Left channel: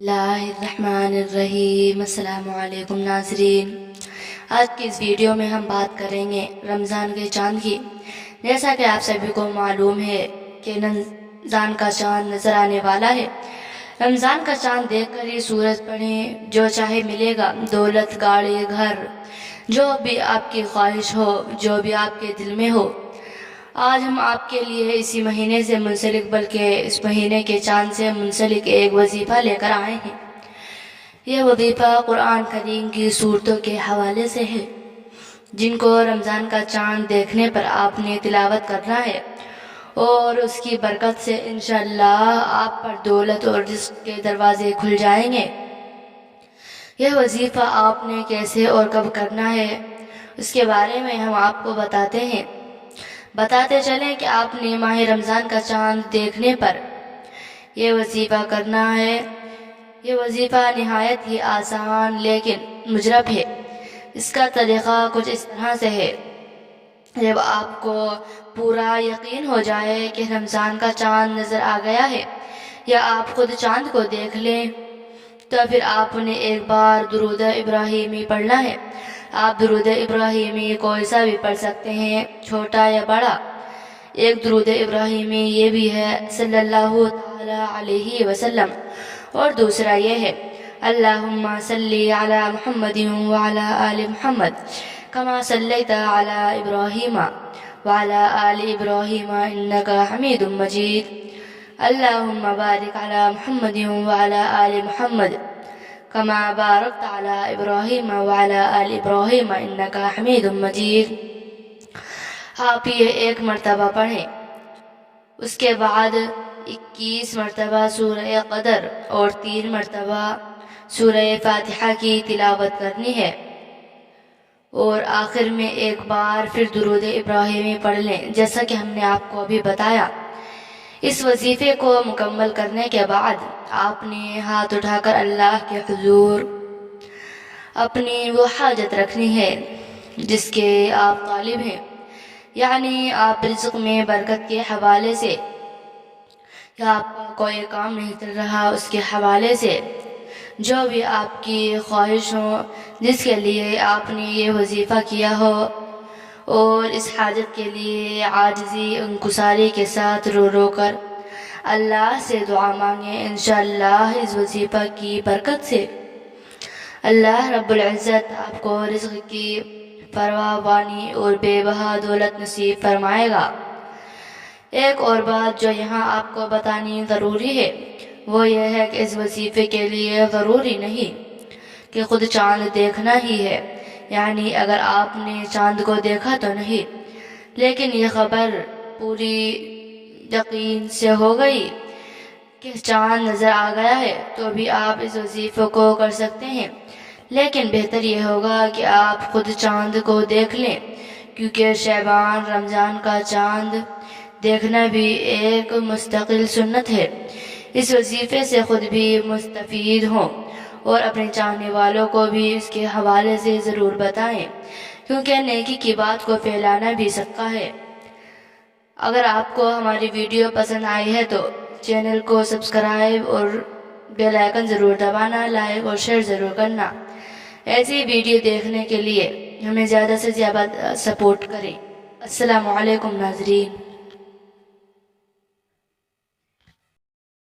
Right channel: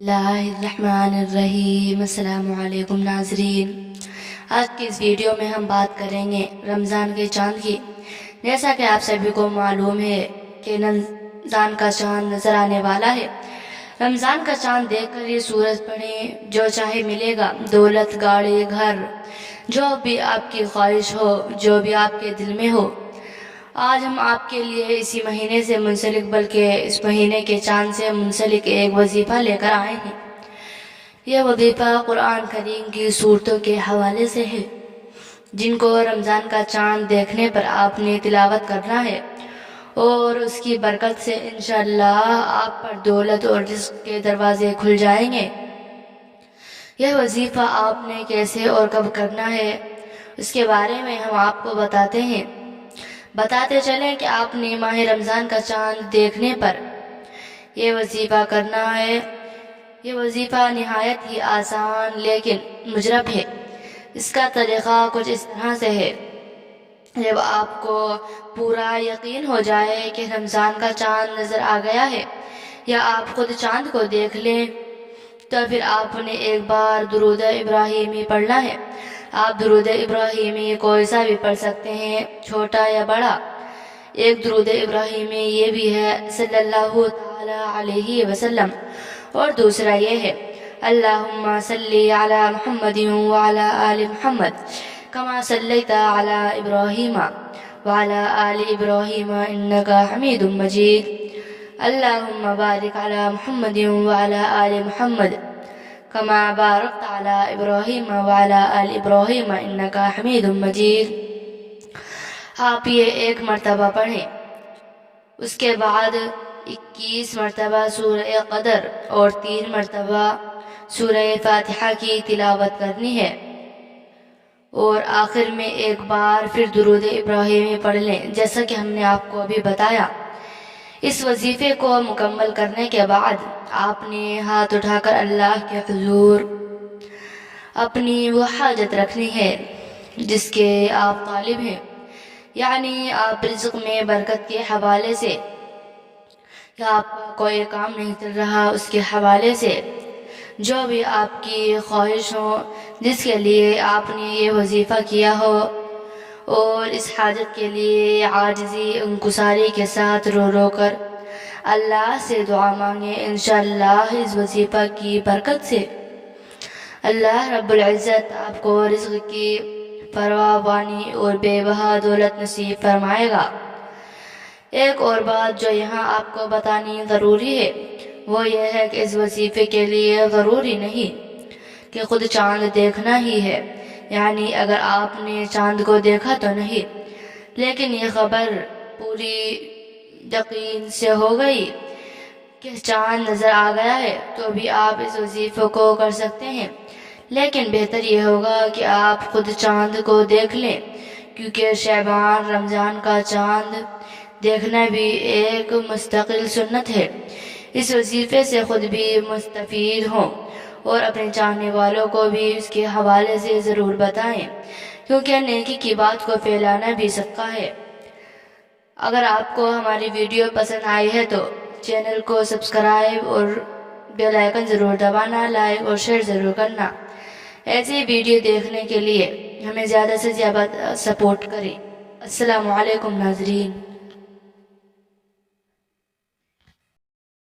बिस्मिल्लाहिर्रहमानिर्रहीम। अस्सलाम वालेकुम नाज़रीन, आज की इस वीडियो में हम बात करेंगे रमज़ान के चाँद की। जैसा कि आप सभी को मालूम है कि रमज़ान का चाँद नज़र आने वाला है। रमज़ान का चाँद देखकर ये सूरज पढ़ें, जो चाहे मिलेगा, दौलत, गाड़ी, घर, जो भी आपकी ख्वाहिश हो, जो भी आपके दिल में हो। आज हम आपके लिए इसी महीने से मुंसलिक, बल्कि इस महीने के चाँद से मुंसलिक एक वजीफ़ा लेकर आए हैं। यह वजीफ़ा कुरान करीम की सूरतों के हवाले से है, जिनको रमज़ान का चाँद देखने पर आपने तिलावत करना है, और उसकी बरकत से इंशाअल्लाह आप पर दौलत और रिज़्क़ के दरवाज़े खुल जाएंगे। यह वजीफ़ा आपने कैसे और कब करना है, उसके बारे में हम आपको बताते चलें कि आपने माह रमज़ान का चाँद देखने पर यह वजीफ़ा करना है। यह वजीफ़ा निहायत ही आसान लेकिन मुजरब है। इसका तरीक़ा कुछ इस तरह से है। जब आपको पूरा यकीन हो जाए कि रमज़ान का चाँद नज़र आ गया है, या आप ख़ुद चाँद को देख लें, तो फिर आपने एक बार दुरूद इब्राहीमी पढ़ना है। आप दुरूद इब्राहीमी कोई सा भी पढ़ सकते हैं, छोटा या बड़ा। एक दुरूद इब्राहीमी ये भी है सल्लल्लाहु तआला अलैहि वसल्लम, और दूसरा ये है अल्लाहुम्मा सल्ली अला मुहम्मदिन व अला आलि मुहम्मद कमा सल्लैता अला इब्राहीमा व अला आलि इब्राहीमा इन्नका हमीदुम मजीद। अल्लाहुम्मा बारिक अला मुहम्मदिन व अला आलि मुहम्मद कमा बारकत अला इब्राहीम व अला आलि इब्राहीम इन्नका हमीदुम मजीद। आप ये एक मरतबा पढ़ें। उसके बाद 21 मरतबा सूरह क़दर और 3 मरतबा सूरह फातिहा की तिलावत करनी है, और आखिर में एक बार फिर दुरूद इब्राहीमी पढ़ लें, जैसा कि हमने आपको अभी बताया। इस वजीफ़े को मुकम्मल करने के बाद आपने हाथ उठाकर अल्लाह के हुजूर अपनी वो हाजत रखनी है जिसके आप तालिब हैं, यानी आप रिज़्क़ में बरकत के हवाले से, या आपका कोई काम नहीं चल रहा उसके हवाले से, जो भी आपकी ख्वाहिश हो, जिसके लिए आपने ये वजीफ़ा किया हो, और इस हाजत के लिए आजिज़ी इंकुसारी के साथ रो रो कर अल्लाह से दुआ मांगे। इंशाअल्लाह इस वजीफ़ा की बरकत से अल्लाह रब्बुल इज़्ज़त आपको रिज़्क़ की फरावानी और बेबहा दौलत नसीब फरमाएगा। एक और बात जो यहाँ आपको बतानी ज़रूरी है, वो ये है कि इस वजीफ़े के लिए ज़रूरी नहीं कि ख़ुद चाँद देखना ही है, यानी अगर आपने चाँद को देखा तो नहीं, लेकिन यह ख़बर पूरी यकीन से हो गई कि चाँद नज़र आ गया है, तो भी आप इस वजीफ़े को कर सकते हैं। लेकिन बेहतर यह होगा कि आप ख़ुद चाँद को देख लें, क्योंकि शअबान रमज़ान का चाँद देखना भी एक मुस्तकिल सुन्नत है। इस वजीफ़े से ख़ुद भी मुस्तफ़ीद हों और अपने चाहने वालों को भी इसके हवाले से ज़रूर बताएं, क्योंकि नेकी की बात को फैलाना भी सदका है। अगर आपको हमारी वीडियो पसंद आई है तो चैनल को सब्सक्राइब और बेल आइकन ज़रूर दबाना, लाइक और शेयर ज़रूर करना। ऐसी वीडियो देखने के लिए हमें ज़्यादा से ज़्यादा सपोर्ट करें। अस्सलामु अलैकुम नाज़रीन।